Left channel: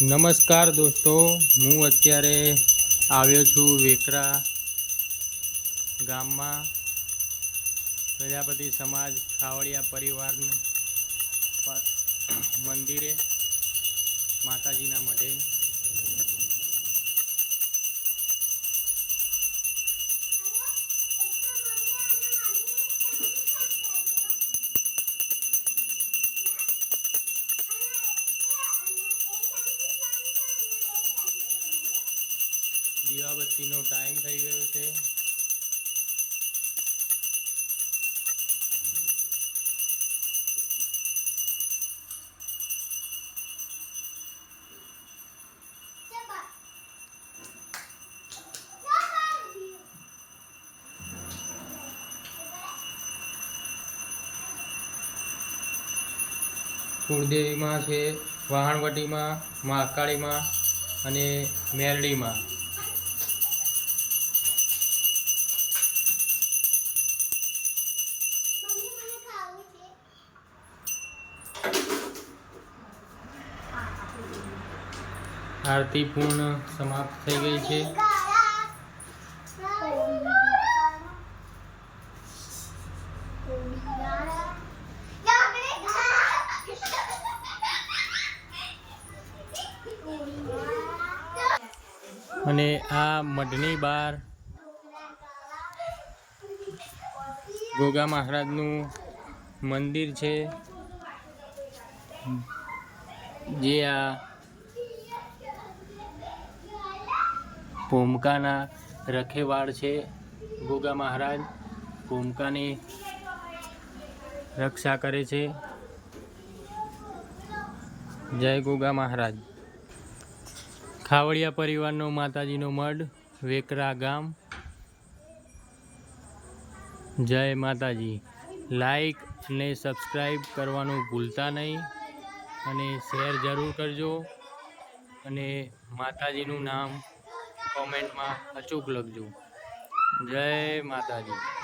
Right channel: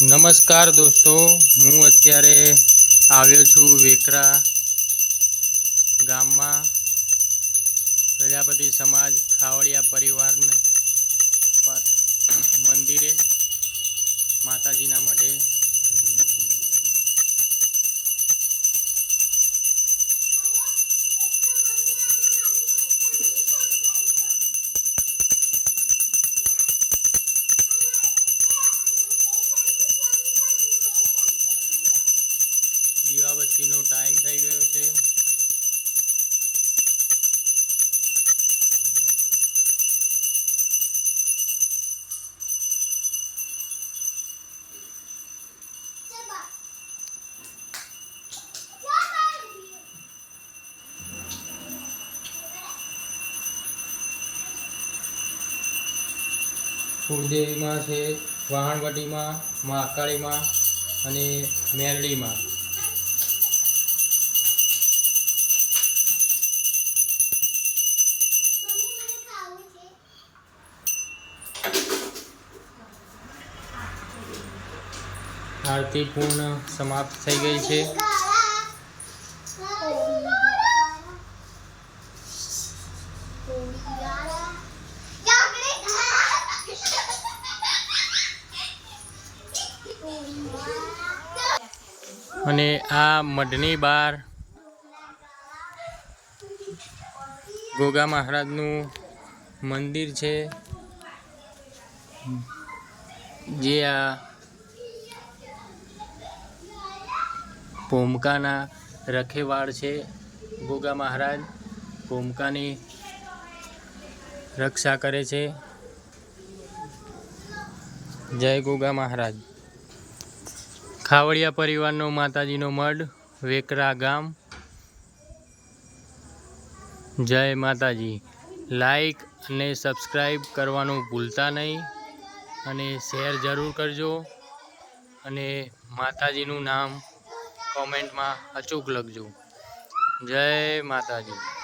નમસ્કાર દોસ્તો, હું અત્યારે આવ્યો છું વેકરા ગામમાં. પ્રજાપતિ સમાજ ખાવડિયા પરિવારને મંદિરે, માતાજીના મઢે. દીવાબત્તીનો ટાઈમ થઈ ગયો છે. કુળદેવીમાં છે વાહણવટીમાં મહાકાળીમાં અને મેરડીમાં. આરતી પૂર્ણ સમાપ્ત થઈ ગઈ છે. અને આ મઢની બહાર ગોગા મહારાજનું મંદિર છે. જે આ ભૂમકાના રખેવાળ છે. ગોગા મહારાજ ભૂમકાની રક્ષા કરે છે. જય ગોગા મહારાજ. ખાવડિયા પરિવારનો માતાજીનો મઢ, વેકરા ગામ. જય માતાજી. લાઈક અને સબસ્ક્રાઈબ કરવાનું ભૂલતા નહીં અને શેર જરૂર કરજો. અને માતાજીનું નામ કોમેન્ટમાં અચૂક લખજો. જય માતાજી.